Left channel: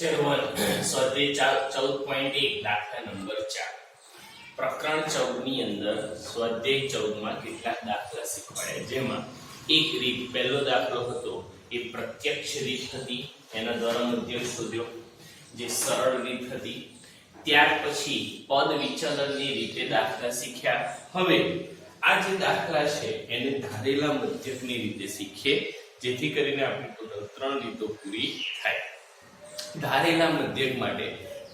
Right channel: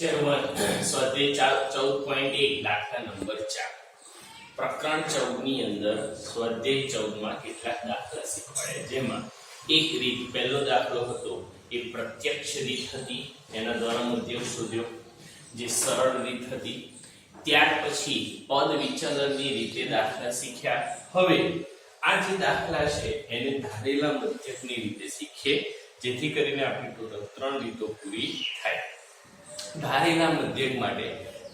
Lecture 1 સ્વાધ્યાય 14.1 દાખલા number 4 પ્રકરણ 14 ની અંદર સ્વાધ્યાય 14 માં કેટલાક દાખલા શીખવાડ્યા જેમાં એક રીત પહેલો દાખલો હતો એ પ્રત્યક્ષ રીત હતી એના દ્વારા મધ્યક શોધ્યો જે સરળ રીત હતી ત્યાર પછી પદ વિચલનની રીતે દાખલા શીખ્યા હવે આ જે દાખલા છે એને ધારેલા મધ્યકની રીતે શીખીએ જેથી કરીને આપણી ટોટલ 3 રીતો પૂરી થાય ધારેલા મધ્યક માટે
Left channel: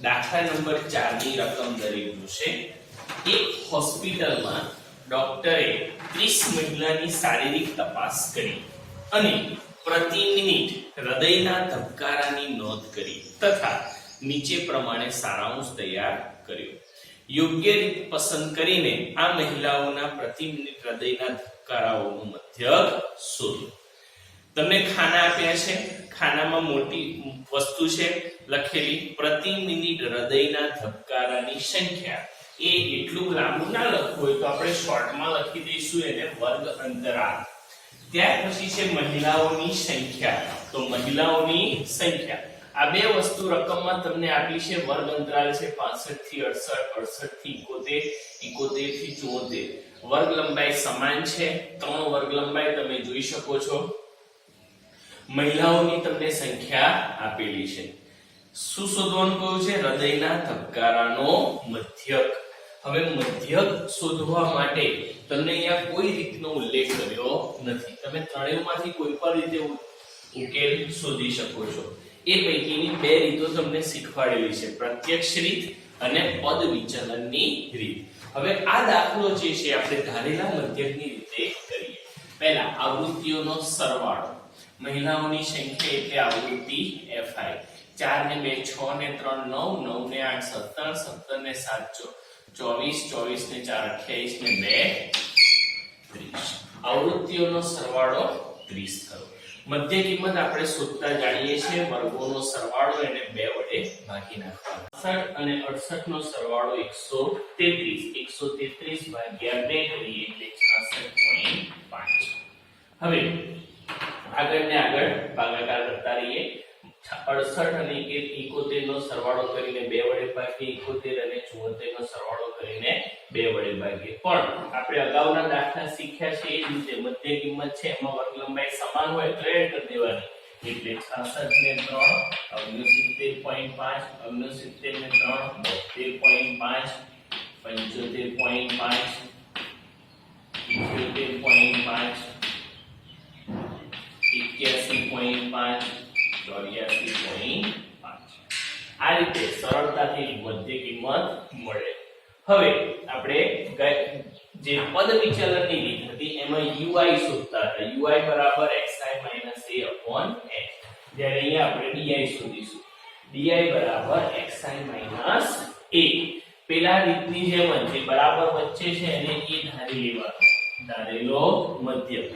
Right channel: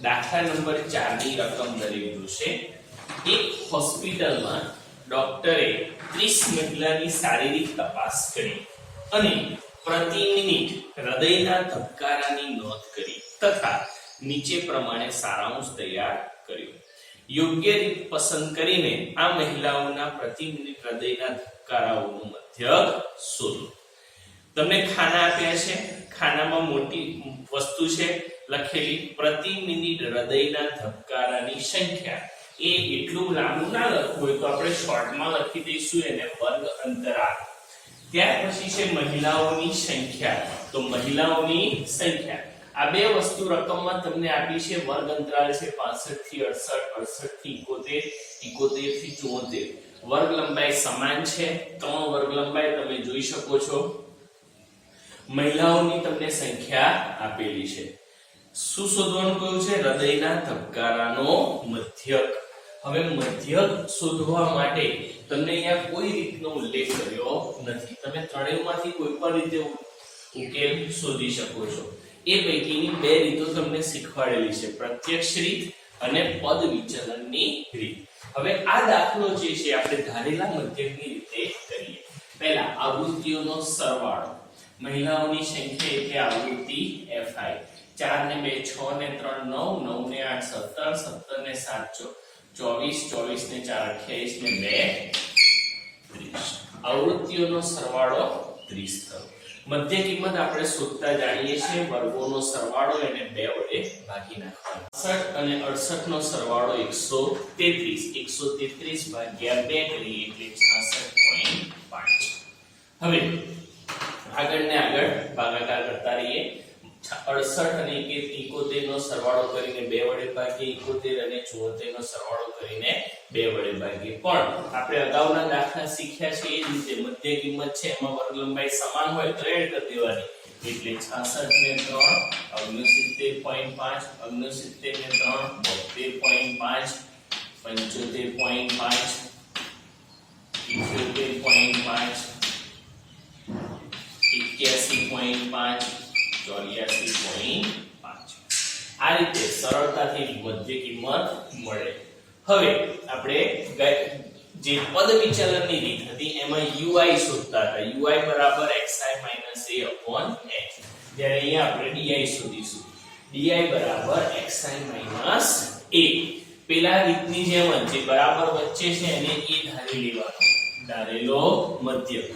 દાખલા નંબર 4 ની રકમ દરેલું છે એક હોસ્પિટલમાં ડોક્ટરે 30 મહિલાની શારીરિક તપાસ કરી અને પ્રતિ મિનિટ હૃદયના ધબકારાની નોંધ કરી તથા નીચે પ્રમાણે સારાંશ તૈયાર કર્યો યોગ્ય રીત પસંદ કરીને આ મહિલાઓના પ્રતિ મિનિટ હૃદયના ધબકારાઓનું મધ્યક શોધો તમને ખાના આપ્યા છે ખાનામાં મોટી વસ્તુ છે લખેલી પ્રતિ મિનિટ હૃદયના ધબકારાની સંખ્યા એ એટલું લાંબુ ના લખવું હોય તો આપણે શોર્ટમાં લખી દઈશું એને વર્ગ અંતરાલ ત્યાર પછી છે મહિલાઓની સંખ્યા તો મહિલાઓની સંખ્યા આ બે વસ્તુ રકમમાં તમને આપી છે વર્ગ અંતરાલ છે 65 થી 68 68 થી 71 71 થી 74 વર્ગ લંબાઈ સમાન છે 3 વર્ગ લંબાઈ તમે જોઈ શકો છો મહિલાઓની તમને સંખ્યા આપેલી છે શું શોધવાનું કહ્યું છે હૃદયના ધબકારાનો મધ્યક હવે મધ્યક શોધવા માટે તમને અહીંયા કોઈ રીતનો ઉલ્લેખ કર્યો નથી તમે ત્રણેયમાંથી કોઈ પણ રીતે ઉકેલ શોધી શકો છો એ પૈકીની બે રીતો તમને શીખવાડેલી છે પ્રત્યક્ષ રીત અને પદ વિચલનની રીત હવે આ દાખલો જે છે આપણે ધારેલા મધ્યકની રીતે કરીએ પહેલા આવૃત્તિઓનો સરવાળો મહિલાઓની સંખ્યા એટલે આવૃત્તિ fi 4 ને 2 6 ને 3 9 9 ને 8 17 17 ને 7 24 24 ને 4 28 ને 2 30 આવૃત્તિઓનો સરવાળો 30 થયો મધ્ય કિંમત આપણે શોધતા જાણીએ છીએ વર્ગોનો સરવાળો એને 2 વડે ભાગી નાખવાનો 60 અને 68 નો સરવાળો 133 133 ભાગ્યા 2 કરીએ એટલે 66.5 હવે આગળ ને આગળ ભાગાકાર કરતા રહીએ 68 અને 71 નો સરવાળો કરીને 2 વડે ભાગીએ 71 અને 74 નો સરવાળો કરીને 2 વડે ભાગીએ પણ આપણે અગાઉના દાખલા શીખ્યા છે એ જ રીતે મધ્ય કિંમત છે એમાં વર્ગ લંબાઈ સમાન હોય તો એડ કરી દેવાની એટલે 66 ને 3 69.5 69 ને 3 72.5 75.5 81.5 84.5 આ રીતે સરળતાથી મધ્ય કિંમત મળે હવે આપણે જે પદ વિચલનની રીત હતી એમાં ui શોધતા હતા ui બરાબર xi - a/x જ્યારે અહીંયા આપણે di શોધીશું di બરાબર xi - a પેલા રીતની જેમ જે બરાબર વચ્ચે છે એને એ ધારી લેવાનો ધારેલો મધ્યક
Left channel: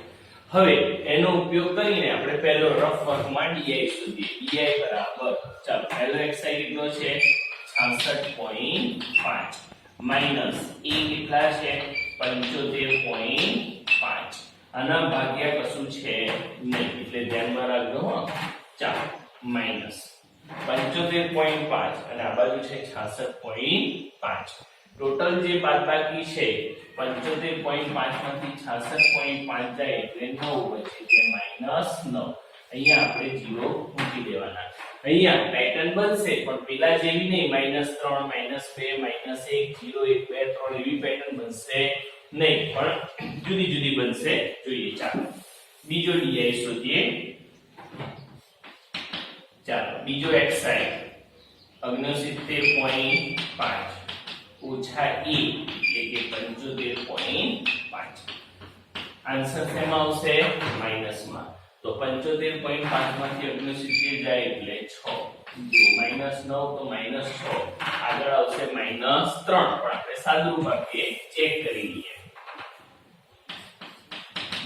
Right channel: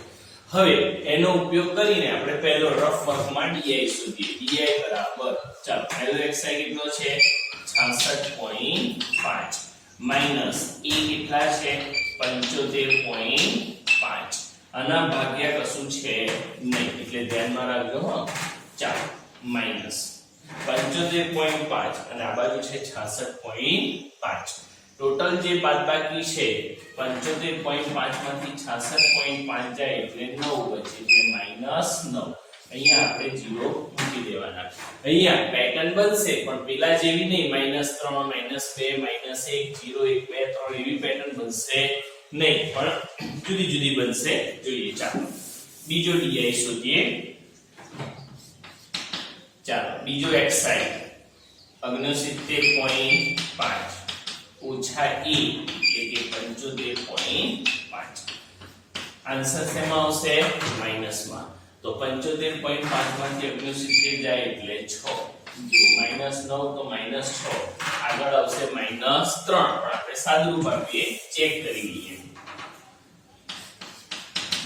હવે એનો ઉપયોગ કરીને આપણે પહેલો રફ વર્કમાં di શોધીએ di બરાબર ચાલો પહેલો xi કેટલો છે 66.5 માઈનસ a કેટલા છે 75.5 આના ભાગ્યા કશું છે નહીં એટલે ધ્યાનમાં રાખજો હો ચાલો માઈનસ 75.5 અને આ બાજુ છે 66.5 ટોટલ જે બાદબાકી છે 75.5 માંથી 66.5 જાય એટલે 9 બચે એટલે -9 અહીંયા આપણે 0 મૂકી દેવાના અહીંયા પેટર્ન બનશે પણ પેલા જેવી નહીં -3 -2 -1 0 1 2 3 એવી પેટર્ન બનશે નહીં પણ જુદી જુદી બનશે જોઈએ ચાલો બીજો di શોધીએ ચાલો બીજો xi 69.5 ઓછા e એટલે કે 75.5 આન્સર શેમાં આવશે માઈનસમાં તો 75.5 માંથી 69 જાય એટલે 6 જો -9 તો -6 આગળ આવશે -3 પણ આપણે સાદુરૂપ આપીએ ચેક કરી લઈએ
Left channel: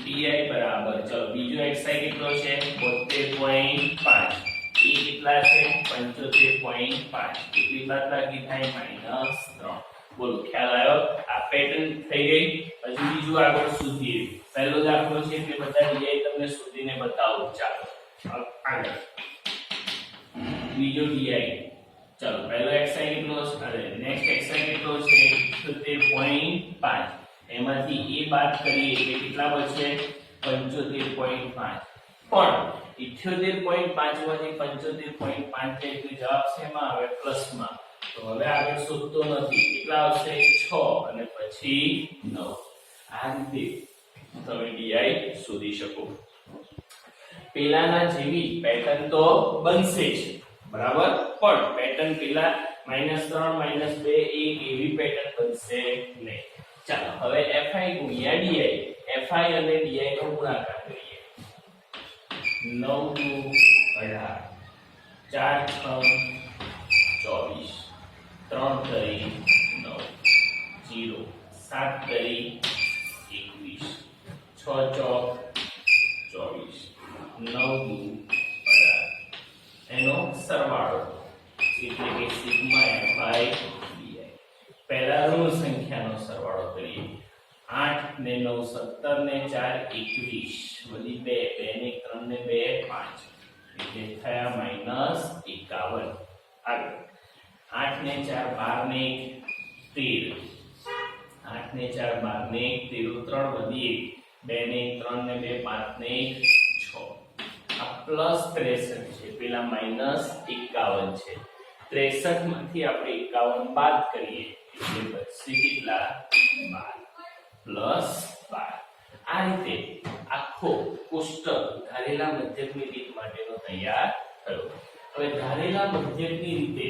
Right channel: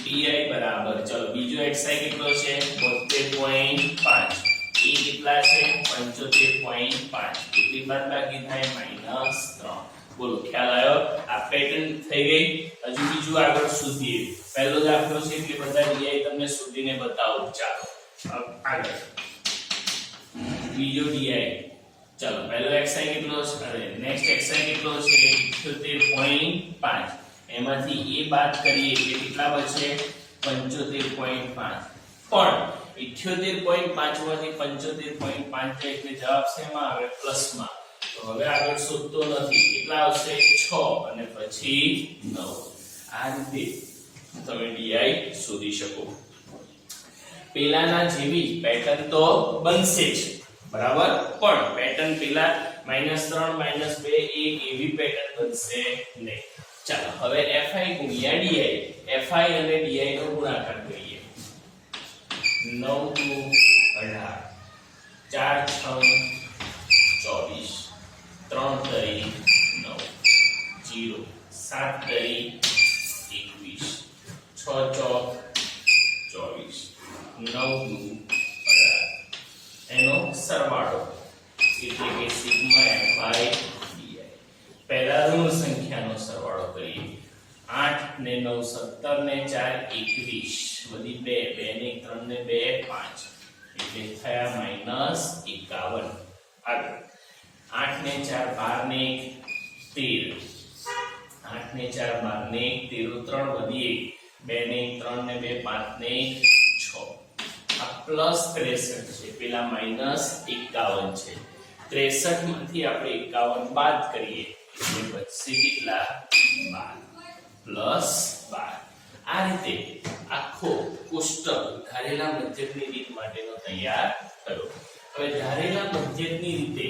di બરાબર ચલો બીજો xi કેટલો છે 72.5 એ કેટલા છે 75.5 કેટલી બાદબાકી થાય -3 બોલો ખ્યાલ આવ્યો આ પેટર્ન થઈ ગઈ હજુ બીજું આગળ શોધીએ પહેલો દાખલો છે એટલે બધા di તમને શોધીને બતાવું ચાલો આગળ બીજો di, ચલો પહેલો xi કેટલો છે, અરે નેક્સ્ટ xi કેટલો છે 78.5, એમાંથી એ બાદ કરીએ એટલે કેટલા બચે 75.5, પણ 78.5 માંથી 75.5 જાય એટલે જવાબ શેમાં આવે પ્લસમાં, તો હવે આગળ શોધતો નથી, કેટલા આવશે 6 અને પછી 9. આ રીતે તમે di શોધી શકો. પેલાના જેવી પેટર્ન તો બનશે જ બરાબર, પણ પેટર્ન પેલા -3 -2 એક એવી પેટર્ન બનશે નહીં. ચાલો હવે fi ગુણ્યા di, fi અને di નો ગુણાકાર કરીએ. 9 દુ 18, 4 6 24, 3 તરી 9, 0 7 તરી 21, 6 ચોક 24, 9 દુ 18, એનો સરવાળો એટલે કે સિગ્મા fi di. પહેલા ઋણ સંખ્યાનો સરવાળો કરીએ. 8 ને 9 17 ને 4 21, વળી 2 ને 3 ને 2 5, એટલે થયા -51. આગળ 8 ને 4 12 ને 1 13, 8 ને 4 12 ને 1 13, 3 વધી 1 2 ને 3 ને 2 5 ને 6. આ પ્લસ 63 છે, પેલા -51 છે. 63 માંથી આપણે 51 બાદ કરીએ એટલે બચશે કેટલા 12 પ્લસ 12. આ રીતે આખો કોષ્ટક ધારેલા મધ્યકની રીત માટેનો તૈયાર થયો. હવે ધારેલા મધ્યકની રીતે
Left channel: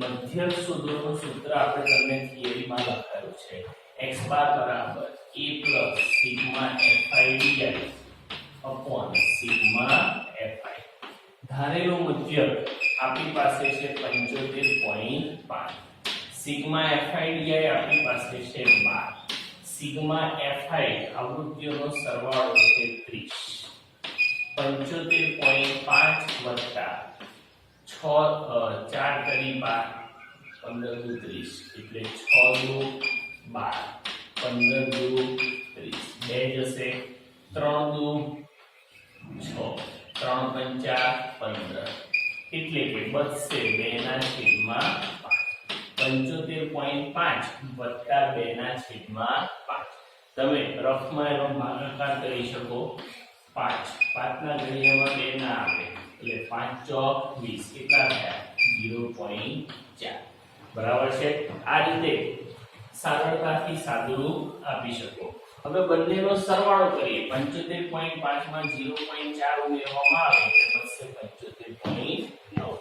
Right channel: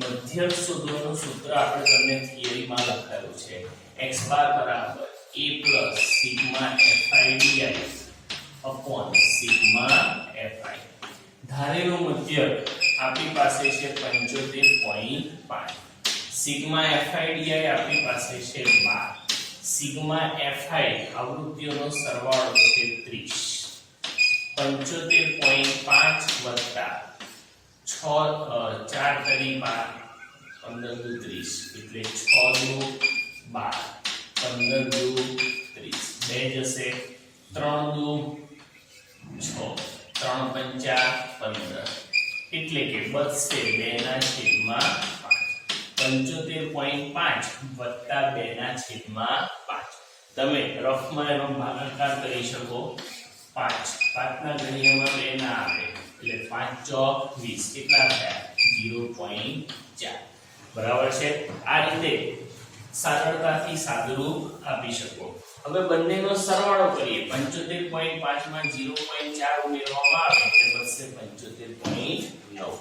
મધ્યક શોધવાનું સૂત્ર આપણે તમને થિયરીમાં લખાયું છે. x બાર બરાબર a sigma fi di upon sigma fi. ધારેલો મધ્યક આપણી પાસે છે 75.5, સિગ્મા fi di આપણી પાસે છે 12, સિગ્મા fi આવૃત્તિઓનો સરવાળો છે 30. 75.5 વત્તા 6 4 તરી 12, 15 દુ 30, એટલે 6 દુ 12, 15 દુ 30, 2 જશે, 3 દુ 6, 3 પંચા 15, એટલે કે બચશે 2 ના છેદમાં 5. 75.5 વત્તા 2 ના છેદમાં 5. તમે રફમાં એનો ભાગાકાર કરી શકો. 5 ના ઘડિયામાં 2 ના આવે એટલે 5 ચોક 20, કેટલા થયા 0.4. બરાબર છે. આ રીતે સરળતાથી સાદુરૂપ આપી શકો. હવે બંનેનો સરવાળો કરીએ. 75.5 માં 0.4 ઉમેરવામાં આવે એટલે બચશે 75.9.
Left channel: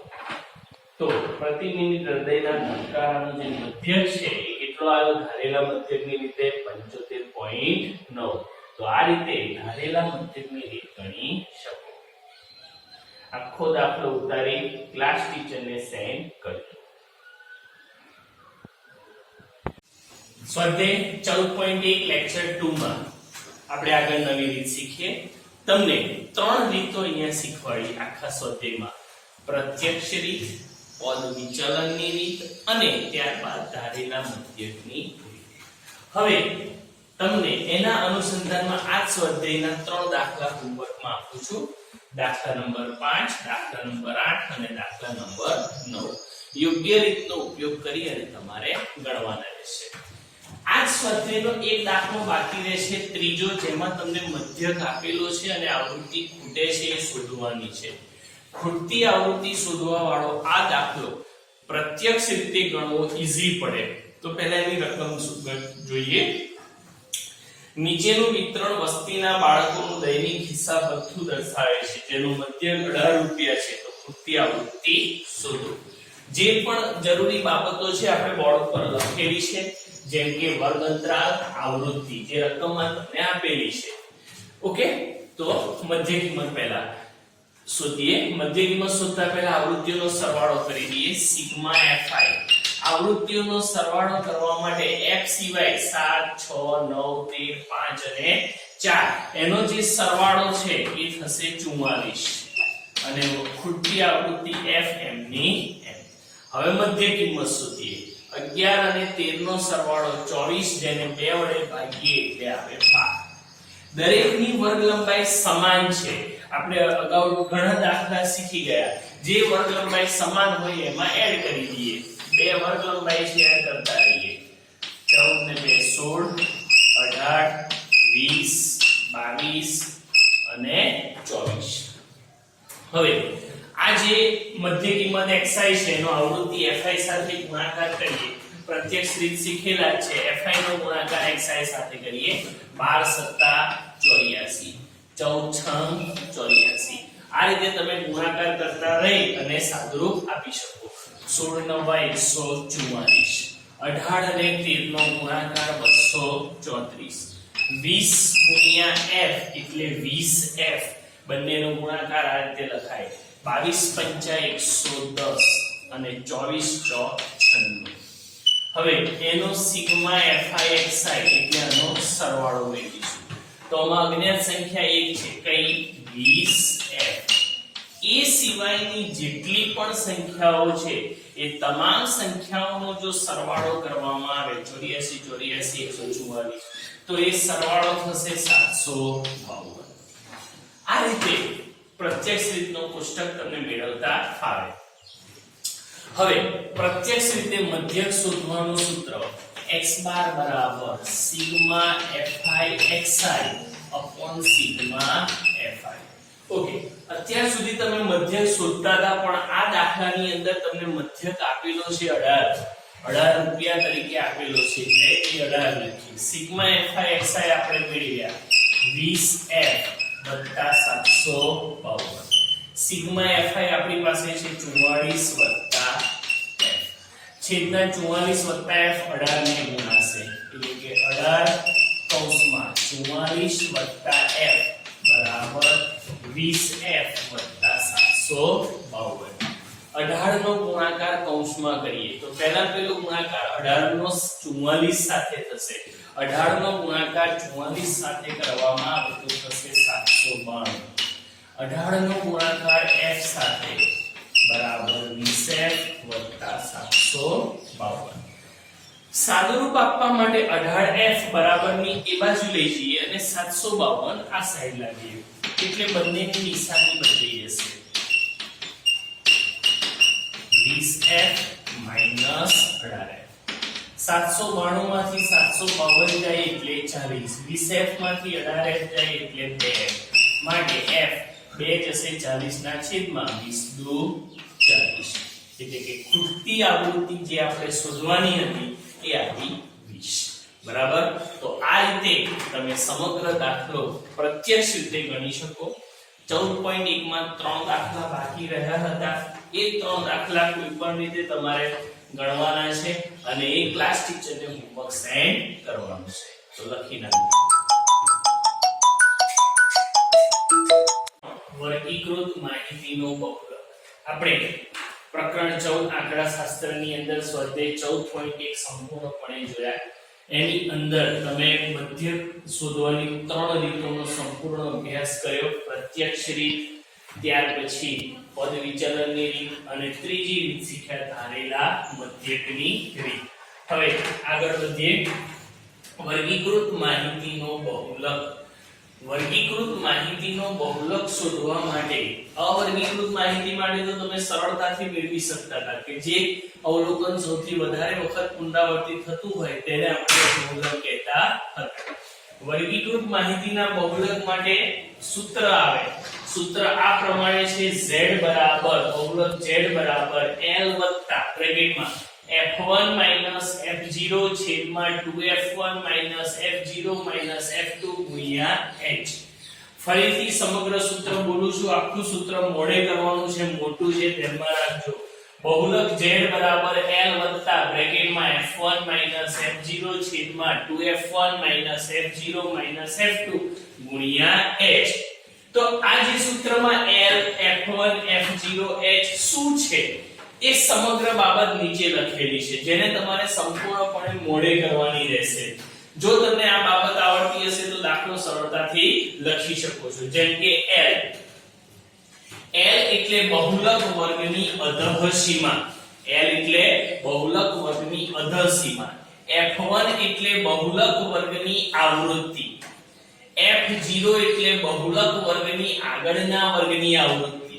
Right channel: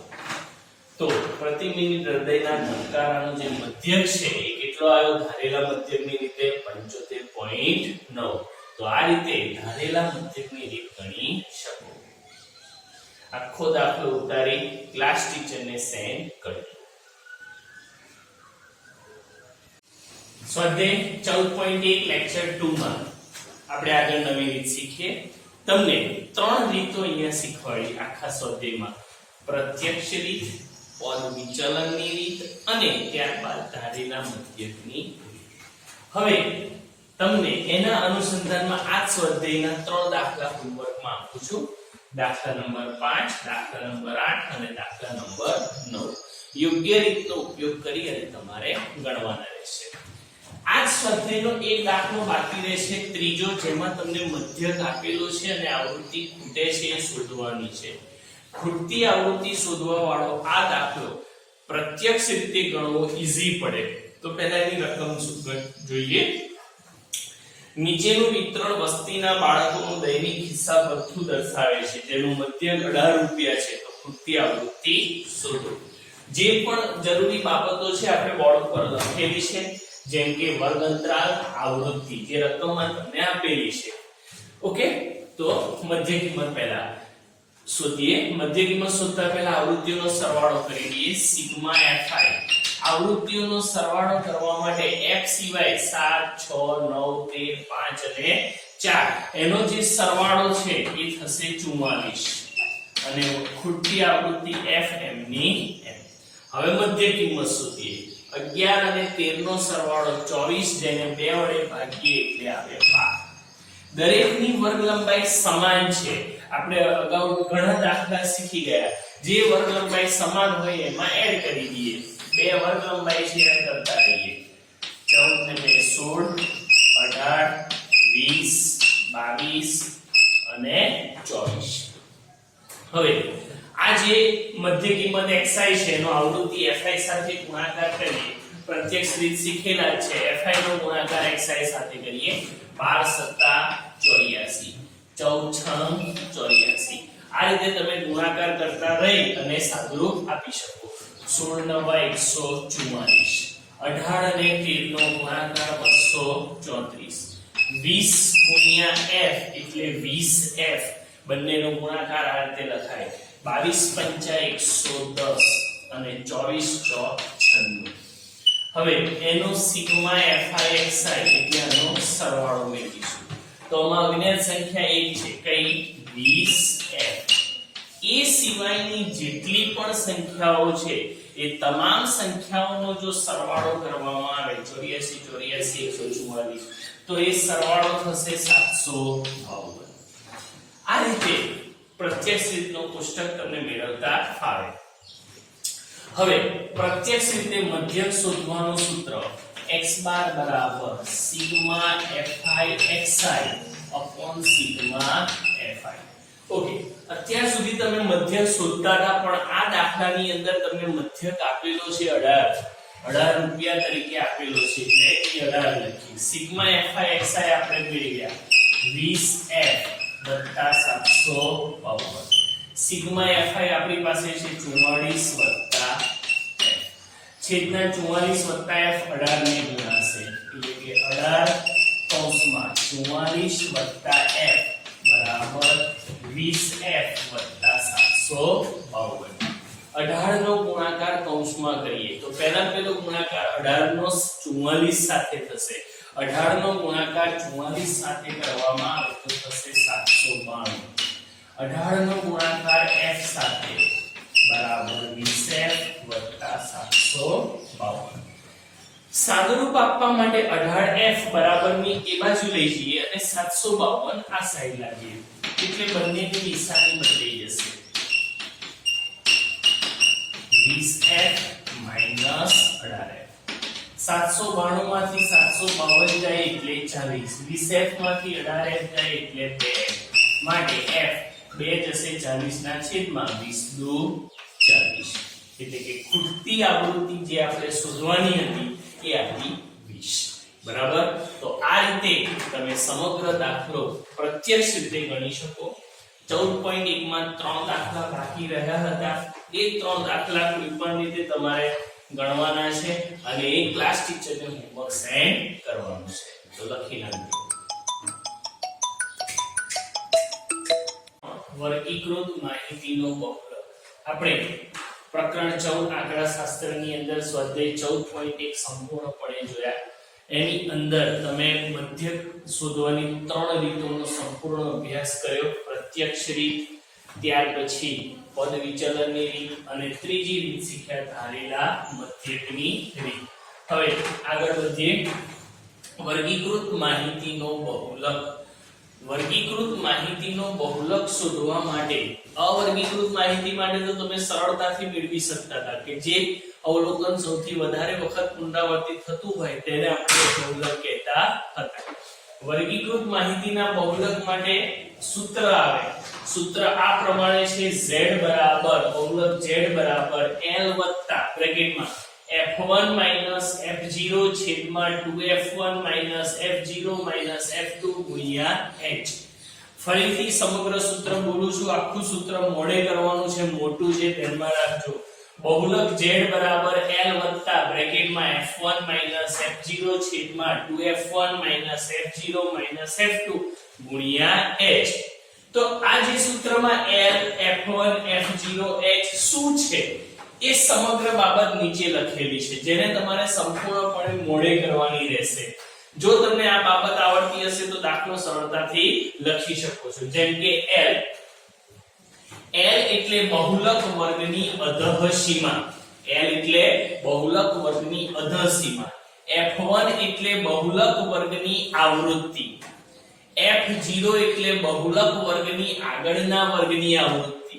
તો પ્રતિ મિનિટ હૃદયના ધબકારાનો જે મધ્યક છે એ કેટલો આવ્યો ધારેલા મધ્યકની રીતે 75.9. તો આ રીતે ધારેલા મધ્યકની રીત ગણી શકો. આખો દાખલો ઉતારી ક્લાસ ટીચરને સેન્ડ કરજો. સ્વાધ્યાય 14.1 લેક્ચર 2 માં આપણે આગળ નવી રીત શીખીએ. તમને 3 રીતો અહીંયા શીખવાડી આખા સ્વાધ્યાયમાં. પ્રત્યક્ષ રીત, પદ વિચલનની રીત અને ત્યારબાદ ધારેલા મધ્યકની રીત. હવે તમને એના અનુસંધાનમાં આ સ્વાધ્યાયના 3 દાખલા હોમવર્કમાં આપું છું. દાખલા નંબર 5, દાખલા નંબર 8 અને દાખલા નંબર 9. યોગ્ય રીતનો ઉપયોગ કરી અને તમારે ગણવાના રહેશે. આ સ્વાધ્યાયનો એક દાખલો બાકી રહેશે, ત્રીજો, જેમાં તમને મધ્યક આપેલો છે અને આવૃત્તિ ખૂટે છે એ શોધવાની છે. ખૂટતી આવૃત્તિ શોધવા વાળો આ દાખલો પ્રત્યક્ષ રીતે ગણવો ઈઝી પડે. તો પહેલા એની રકમ જોઈએ. નીચેનું વિતરણ વસ્તીના બાળકોનું દૈનિક હિસાબ ભથ્થું દર્શાવે છે, જેનું મધ્યક 18 રૂપિયા છે. તો ખૂટતી આવૃત્તિ શોધો. જે પણ જરૂરી બાબતો છે આપણે બોર્ડ પર લખેલી છે, જેમ કે વર્ગ અંતરાલ, આવૃત્તિ, જે રકમમાં તમને આપેલી છે. ઓકે, તો મધ્ય કિંમત પહેલા શોધીએ. મધ્ય કિંમત શોધતા પહેલા આવૃત્તિઓનો સરવાળો કરી દઈએ. સિગ્મા fi આવૃત્તિઓનો સરવાળો કરવા માટે f સિવાય 7 6 9 13 5 અને 4 એનો જે સરવાળો છે એ થશે 44 અને ખૂટતી આવૃત્તિ fm ની m. હવે મધ્ય કિંમત શોધીએ. 11 અને 13 નો સરવાળો 24, જેને 2 વડે ભાગીએ એટલે આવે 12. દરેકની વર્ગ લંબાઈ સમાન છે. આપણે અગાઉ ઘણા દાખલા શીખી ગયા, જે વર્ગ લંબાઈ સમાન હોય એમાં એડ કરી દઈએ, બે વર્ગ લંબાઈ છે એડ કરતા રહીએ, 14 ને 2 16, 18, 20, 22 અને 24. હવે આ જે મધ્ય કિંમત xi છે એનો આવૃત્તિ fi સાથે ગુણાકાર કરીએ, પ્રત્યક્ષ રીત શીખેલા છે, fi નો ગુણાકાર xi સાથે કરીએ, 12 * 84, 14 * 84. આ રીતે તમે ગુણાકાર કરતા રહી અને સાદુરૂપ આપી શકો. 16 * 9 144, 18 અને 13 નો ગુણાકાર 234, 20 * f એટલે 20f, બંનેનો ગુણાકાર આ રીતે લખાય, 22 * 5 110 અને 24 * 96. હવે એનો સિગ્મા fi xi એટલે આનો સરવાળો મેળવીશું. તો આમાં અજ્ઞાત સંખ્યા એક છે કઈ 20f. એ સિવાયની જેટલી પણ સંખ્યાઓ છે એ તમામ સંખ્યાઓનો જો સરવાળો કરવામાં આવે 84 144, તો એ સરવાળો થશે 752. આ રીતે પ્રત્યક્ષ રીતનો કોષ્ટક તમને મેળવતા ફાવે. હવે પ્રત્યક્ષ રીતે મધ્યક શોધવાનું સૂત્ર x બાર બરાબર sigma fi xi upon sigma fi. Okay, અત્યાર સુધી તમે મધ્યક શોધતા હતા, પણ આ દાખલાની અંદર તમને મધ્યક આપેલો છે 18 રૂપિયા તરીકે આપેલો છે, એટલે એ 18 લખી. સિગ્મા fi xi આપણે મેળવ્યા 20f વત્તા 752. સિગ્મા fi આપણી પાસે છે 44 વત્તા f. છેદના 44 વત્તા f 18 ને ગુણાશે, એટલે કે 18 કૌંસમાં 44 વત્તા f બરાબર 20f વત્તા 752. 18 નો ગુણાકાર કૌંસમાં કરીએ તો પહેલા પેલો ગુણાકાર 18 નો 44 સાથે થશે. 18 નો ગુણાકાર 44 સાથે કરવામાં આવે તો થશે 792. 18 નો ગુણાકાર f સાથે બરાબર 20f વત્તા 752. સાદુરૂપ આપવા માટે 18f બરાબરની એ બાજુ લઈ જઈએ અને 752 આ સાઈડ લાવીએ, એટલે બંનેની નિશાની બદલાઈ જશે. 20f - 18f. 792 માંથી 752 જાય એટલે 40, 20f માંથી 18f જાય એટલે 2f, માટે f 2 જશે 40 ના છેદમાં 20 દુ 40, એટલે કે ખૂટતી આવૃત્તિ જે આપણે શોધવાની હતી એ આવી 20. બરાબર. તો આ રીતે તમે સમગ્ર દાખલો પ્રત્યક્ષ રીતે ગણી શકો. 14.1 માં 3 દાખલા બાકી રહ્યા હતા, એ 3 દાખલા કોઈ પણ રીતે તમારે ગણવાના છે અને એ ક્લાસ ટીચરને હોમવર્ક સેન્ડ કરવાનું છે. તો લખી નાખો. વર્ગીકૃત માહિતીનો બહુલક. આપણે પ્રકરણ 14 આંકડાશાસ્ત્રની અંદર સ્વાધ્યાય 14.1 સંપૂર્ણપણે જોયા. એની અંદર તમે મધ્યક શોધવાની 3 રીતોનો સંપૂર્ણ અભ્યાસ કર્યો. પ્રત્યક્ષ રીત, ત્યાર પછી પદ વિચલનની રીત અને ત્રીજી રીત શીખ્યા ધારેલા મધ્યકની રીત. હવે આગળ વધીએ. વર્ગીકૃત માહિતીનો બહુલક. વર્ગીકૃત માહિતીનો બહુલક શોધવા માટે અવર્ગીકૃત માહિતી માટે તો તમે સરળતાથી મેળવી શકતા હતા કે જે અવલોકન સૌથી વધારે વખત પુનરાવર્તિત થતું હોય તેને આપણે બહુલક કહેતા હતા. વર્ગીકૃત માહિતીના બહુલક માટે સૂત્ર આવે. સૂત્ર આ પ્રમાણે છે: z બરાબર બહુલક z બરાબર l વત્તા બ્રેકેટમાં f1 f0 છેદમાં 2f1 f0 f2 ગુણ્યા h. ફરીથી સમગ્ર સૂત્ર બોલું છું, આખું સૂત્ર મોડે કરવાનું છે, મોટું છે, ધ્યાનમાં રાખજો. બહુલક z બરાબર l વત્તા બ્રેકેટમાં f1 f0 છેદમાં 2f1 f0 f2 ગુણ્યા h. તો આ જે સૂત્રમાં l f1 f0 h શું છે એ સમગ્ર બાબત નીચે લખેલી છે, જેને તમારે સંપૂર્ણપણે મોડે કરવાની રહેશે. જો તમને આ બાબત આવડતી હશે તો દાખલો સરળતાથી લખી શકો છો. જેમ કે l એટલે બહુલક વર્ગની અધઃ સીમા, l એટલે બહુલક વર્ગની અધઃ સીમા, f1 એટલે બહુલક વર્ગની આવૃત્તિ, f0 એટલે બહુલક વર્ગની આગળના વર્ગની આવૃત્તિ,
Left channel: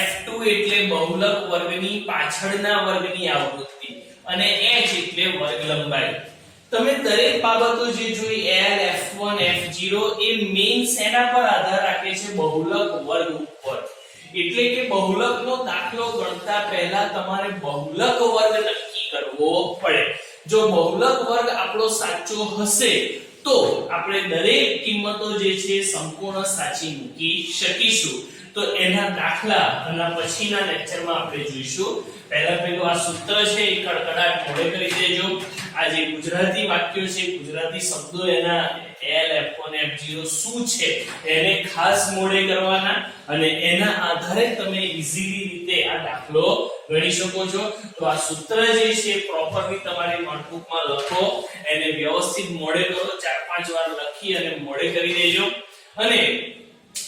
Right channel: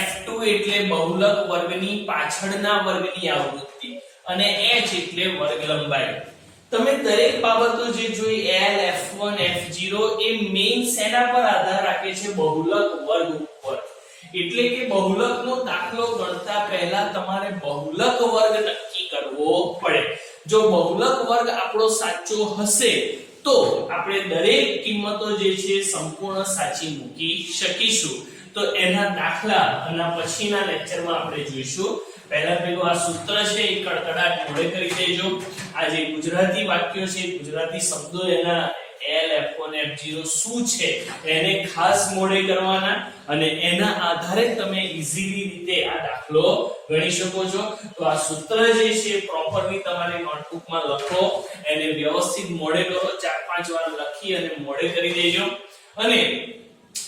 f2 એટલે બહુલક વર્ગની પાછળના વર્ગની આવૃત્તિ અને h એટલે વર્ગ લંબાઈ. તમે દરેક બાબતો જે જોઈ l f1 f0 એ મેઈન સેના પર આધાર રાખે છે બહુલક વર્ગ ઉપર. એટલે કે બહુલકનો દાખલો ગણતા પહેલા તમારે બહુલક વર્ગ નક્કી કરવો પડે. જો બહુલક વર્ગ આપણો સાચો હશે તો આપણે દરેક કિંમતો જે છે સંપૂર્ણ સાચી મૂકી શકીશું. તો એના દાખલા અને પછીના લેક્ચરમાં આપણે જોઈશું. પેલું આ સૂત્ર છે એ કડકડાટ મોઢે કરી દેજો. આ જે ગુજરાતી વાક્યો છે ગુજરાતી શબ્દો એના l f1 f0 શું છે એને ખાસ મોઢે કરવાના અને એના આધારે તમે ઈઝીલી રીતે આ દાખલો ગણી શકો છો. તો આ સૂત્ર જે છે પ્રોપરલી તમારી નોટબુકમાં લખો, એને વ્યવસ્થિત મોઢે કરો, 4-5 વાર લખી અને મોઢે કરી દેજો. અને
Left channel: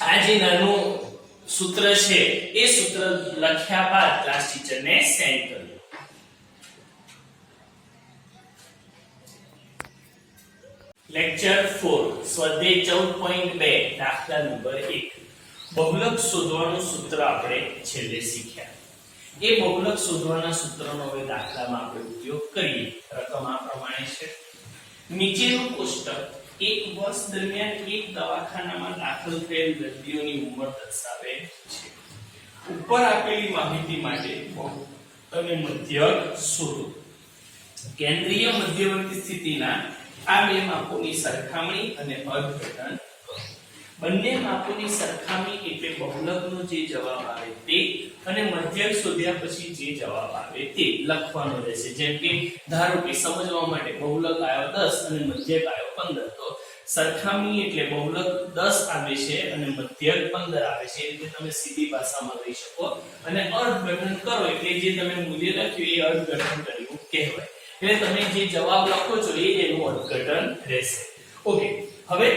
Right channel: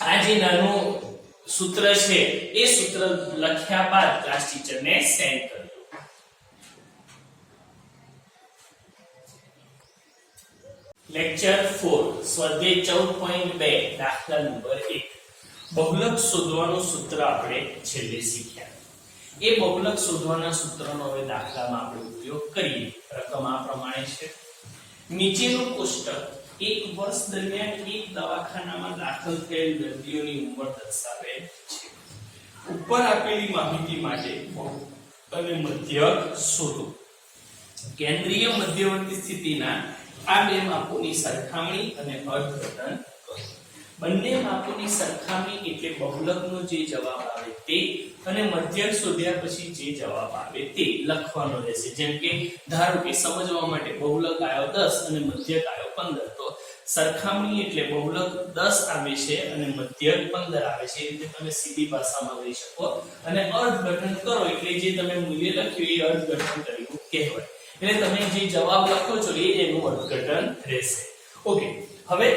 આ જે નાનું સૂત્ર છે એ સૂત્ર લખ્યા બાદ ક્લાસ ટીચરને સેન્ડ કરો. લેક્ચર 4 સ્વાધ્યાય 14.2 દાખલા નંબર 1. બહુલક શોધવાનું સૂત્ર આપણે છેલ્લે શીખ્યા. એ બહુલક શોધવાના સૂત્રનો હવે દાખલામાં આપણે ઉપયોગ કરીએ. રકમ આ પ્રમાણે છે. નીચેનું કોષ્ટક એક વર્ષ દરમિયાન એક દવાખાનામાં દાખલ થયેલ દર્દીઓની ઉંમર દર્શાવે છે. ઉપર આપેલી માહિતી માટે બહુલક અને મધ્યક શોધો. કેન્દ્રીય મધ્યવર્તી સ્થિતિના આ બે માપોની સરખામણી અને અર્થઘટન કરો. બંને માપોની સરખામણી એટલે બહુલકનો જે જવાબ આવે તે અને મધ્યક શોધ્યા પછી જે જવાબ આવે તે લખવાનો રહેશે. જેમ કે ધારો કે સમજવા માટે બહુલક આવ્યો 10 અને મધ્યક આવ્યો 15, તો સરખામણી એટલે બહુલક 10 આવે છે અને મધ્યક 15 આવે છે. એ રીતે તમે સીધી ભાષામાં લઈ શકો. અને અર્થઘટન કરો એટલે જે તમે મૂલ્ય લખ્યું એ અર્થઘટન કર્યું કહેવાય. એટલે તમે જે જવાબ લખો છો એ એનું અર્થઘટન રહેશે. ઓકે, હવે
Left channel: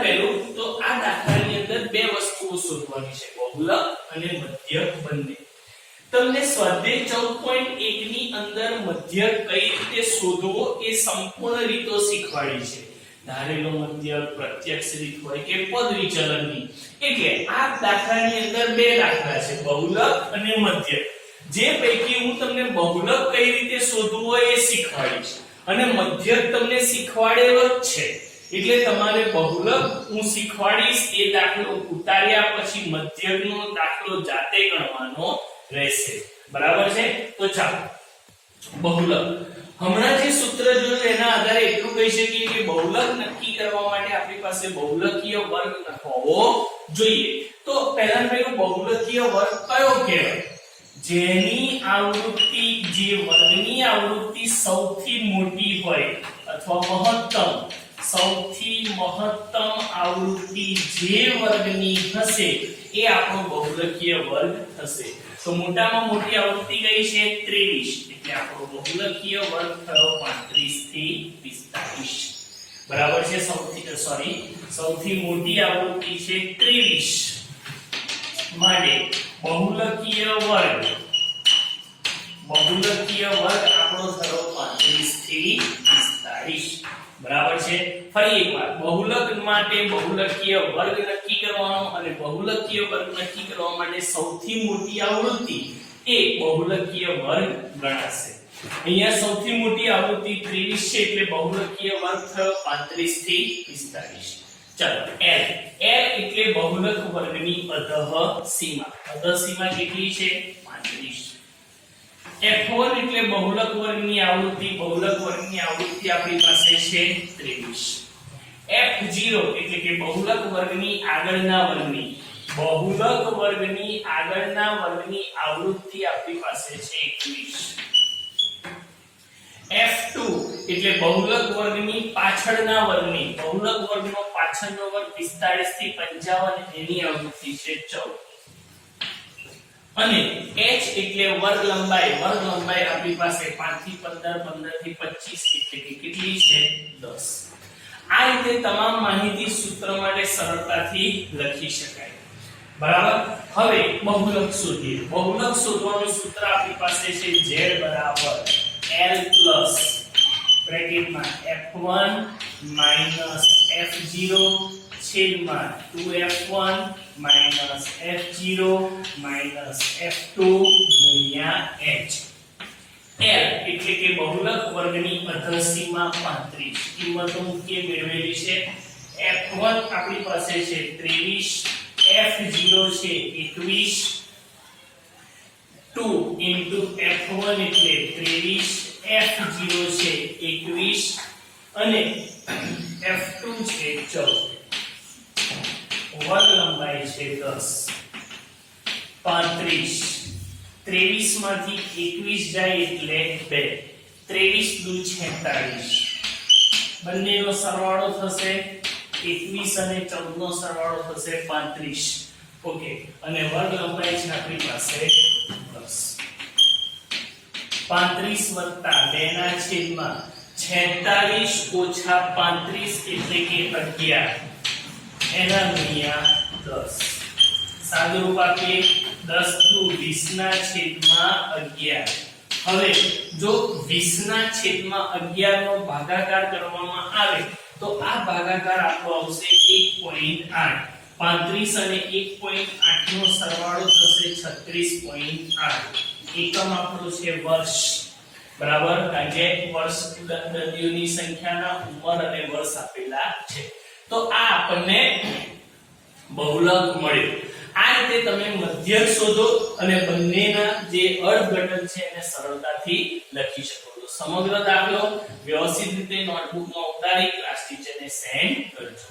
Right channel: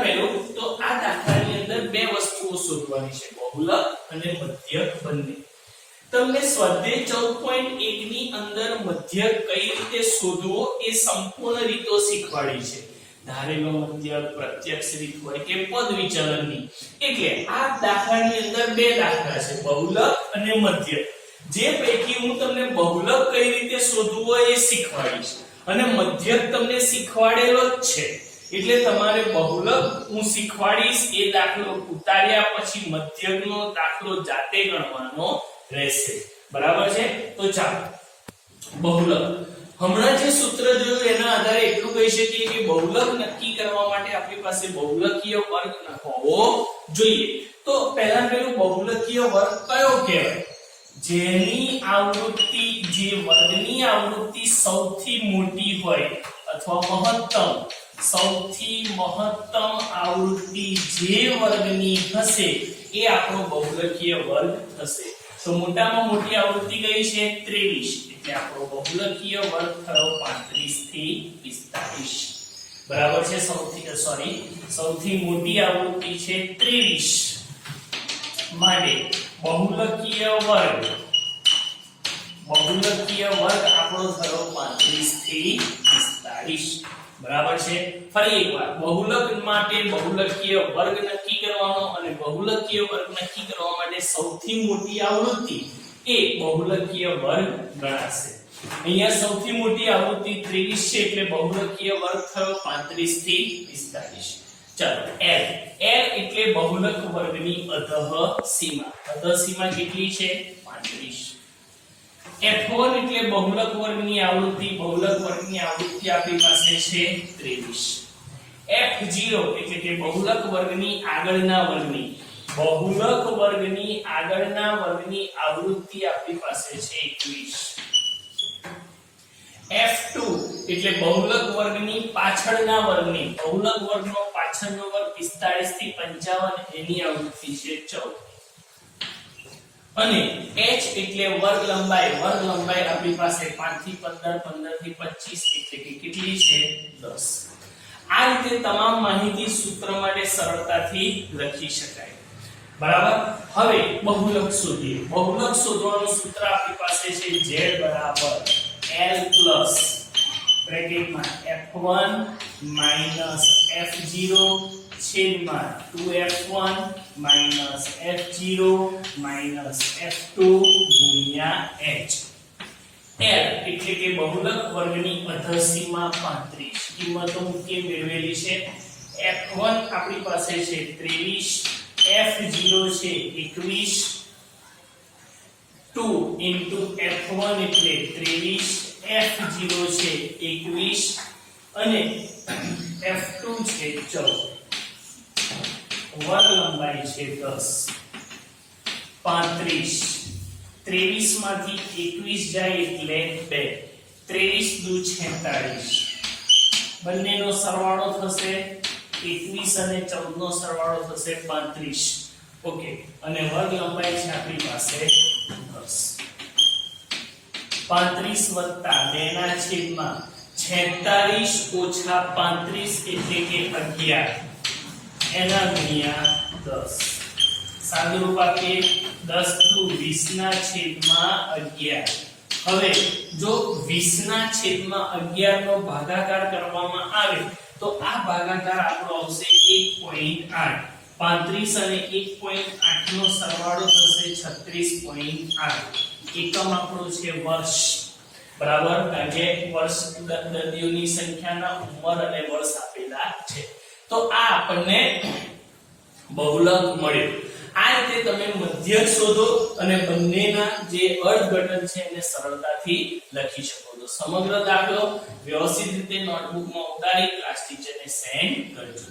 પહેલું તો આ દાખલાની અંદર બે વસ્તુઓ શોધવાની છે, બહુલક અને મધ્યક બંને. તમને સ્વાધ્યાય 14.1 ની અંદર મધ્યક કઈ રીતે શોધવો એ સંપૂર્ણ રીતો શીખવાડી છે. ધારેલો મધ્યક, પ્રત્યક્ષ રીત હોય કે પદ વિચલનની. એટલે આ દાખલાની અંદર બે દાખલા છે, બહુલક અને મધ્યક. જે પૈકી હું તમને બહુલક કઈ રીતે શોધવું હોય એ શીખવાડીશ અને મધ્યક તમને શીખવાડેલો જ છે. એટલે તમારે બહુલક હું શીખવાડીશ એ દાખલો ઉતાર્યા પછી મધ્યકનો દાખલો જાતે ગણવાનો રહેશે. બરાબર છે? તો ચાલો બહુલક. હમણાં જે સૂત્ર જોયું એના આધારે એટલું કહી શકીએ કે બહુલક નક્કી કરવા માટે આપણી પાસે બહુલકીય વર્ગ હોવો જોઈએ. તો પહેલું બહુલકીય વર્ગ કયો કહેવાય? જેની આવૃત્તિ, જે વર્ગની આવૃત્તિ સૌથી મોટી હોય અથવા મહત્તમ, સૌથી મહત્તમ આવૃત્તિ જે વર્ગની હશે એ આપણો બહુલકીય વર્ગ થશે. તો મોટામાં મોટી આવૃત્તિ કઈ છે? 23. એટલે આપણો બહુલકીય વર્ગ થયો 35 થી 45. બરાબર છે? સૌથી મોટી આવૃત્તિ છે 23 માટે બહુલકીય વર્ગ આપણો થયો 35 થી 45. બરાબર છે? ફરી એકવાર બહુલક માટે બહુલકીય વર્ગ નક્કી કરવાનો અને બહુલકીય વર્ગ નક્કી કરવા માટે સૌથી મોટી આવૃત્તિ એ બહુલકીય વર્ગ ગણાશે. અહીંયા સૌથી મોટી આવૃત્તિ 23 છે એટલે બહુલકીય વર્ગ થયો 35 થી 45. ચાલો L એટલે બહુલક વર્ગની અધઃ સીમા. અધઃ સીમા કેટલી છે? 35. F1 એટલે બહુલક વર્ગની આવૃત્તિ. બહુલક વર્ગની આવૃત્તિ આપણી પાસે છે 23. F0 એટલે કે બહુલક વર્ગની આગળના વર્ગની. બહુલક વર્ગની આગળના વર્ગની આવૃત્તિ આપણી પાસે છે 21. F2 એટલે બહુલક વર્ગની પાછળના વર્ગની. બહુલક વર્ગનો પાછળનો વર્ગ 45 થી 55 એની આવૃત્તિ છે 14. અને h એટલે વર્ગ લંબાઈ. વર્ગ લંબાઈ આપણી પાસે 5 થી 15, 15 થી 25 એટલે કે કેટલી છે? 10. આ રીતે તમામ માહિતી સૂત્ર માટે સરળતાથી લખી શકાય. બરાબર? હવે બહુલક શોધીએ. બહુલક શોધવાનું સૂત્ર આપણી પાસે છે z બરાબર l plus બ્રેકેટમાં f1 minus f0 છેદમાં 2f1 minus f0 minus f2 ગુણ્યા h. L એટલે કે બહુલક વર્ગની અધસીમા 35 કિંમતો મૂકીએ મેળવેલી છે. f1 આપણી પાસે છે 23, f0 છે 21, 2 into f1 એટલે 23, f0 છે 21 અને f2 છે 14. વર્ગ લંબાઈ છે 10. 35 23 માંથી 21 જાય એટલે 2, 23 દુ 46. બંનેનો સરવાળો થશે 21 અને 14 નો સરવાળો થશે 35. ઓકે, અને વર્ગ લંબાઈ છે આપણી પાસે 10. 35 વત્તા 2 ના છેદમાં 46 ઓછા 35 એટલે કે 11 એના ગુણ્યા 10. સાદું રૂપ આપીએ 10 દુ 20 ના છેદમાં 11. હવે જો 20 ના છેદમાં 11 નો ભાગાકાર કરવામાં આવે તો આ ભાગાકાર આપણો આવશે 1.8. 35 અને 1.8 નો સરવાળો થશે 36.8. એકમ આપણો છે વર્ષ, બરાબર, કારણ કે વર્ષ દર્દીઓની સંખ્યાના ઉંમર અને વર્ષ આપેલા છે. તો આ આપણને બહુલક મળ્યું. આ રીતે તમે મધ્યક શોધો અને બંનેના જે અર્થઘટન છે એને સરળતાથી લખી શકો છો. સમગ્ર દાખલો વ્યવસ્થિત રીતે નોટબુકમાં ઉતારી ક્લાસ ટીચરને સેન્ડ કરજો.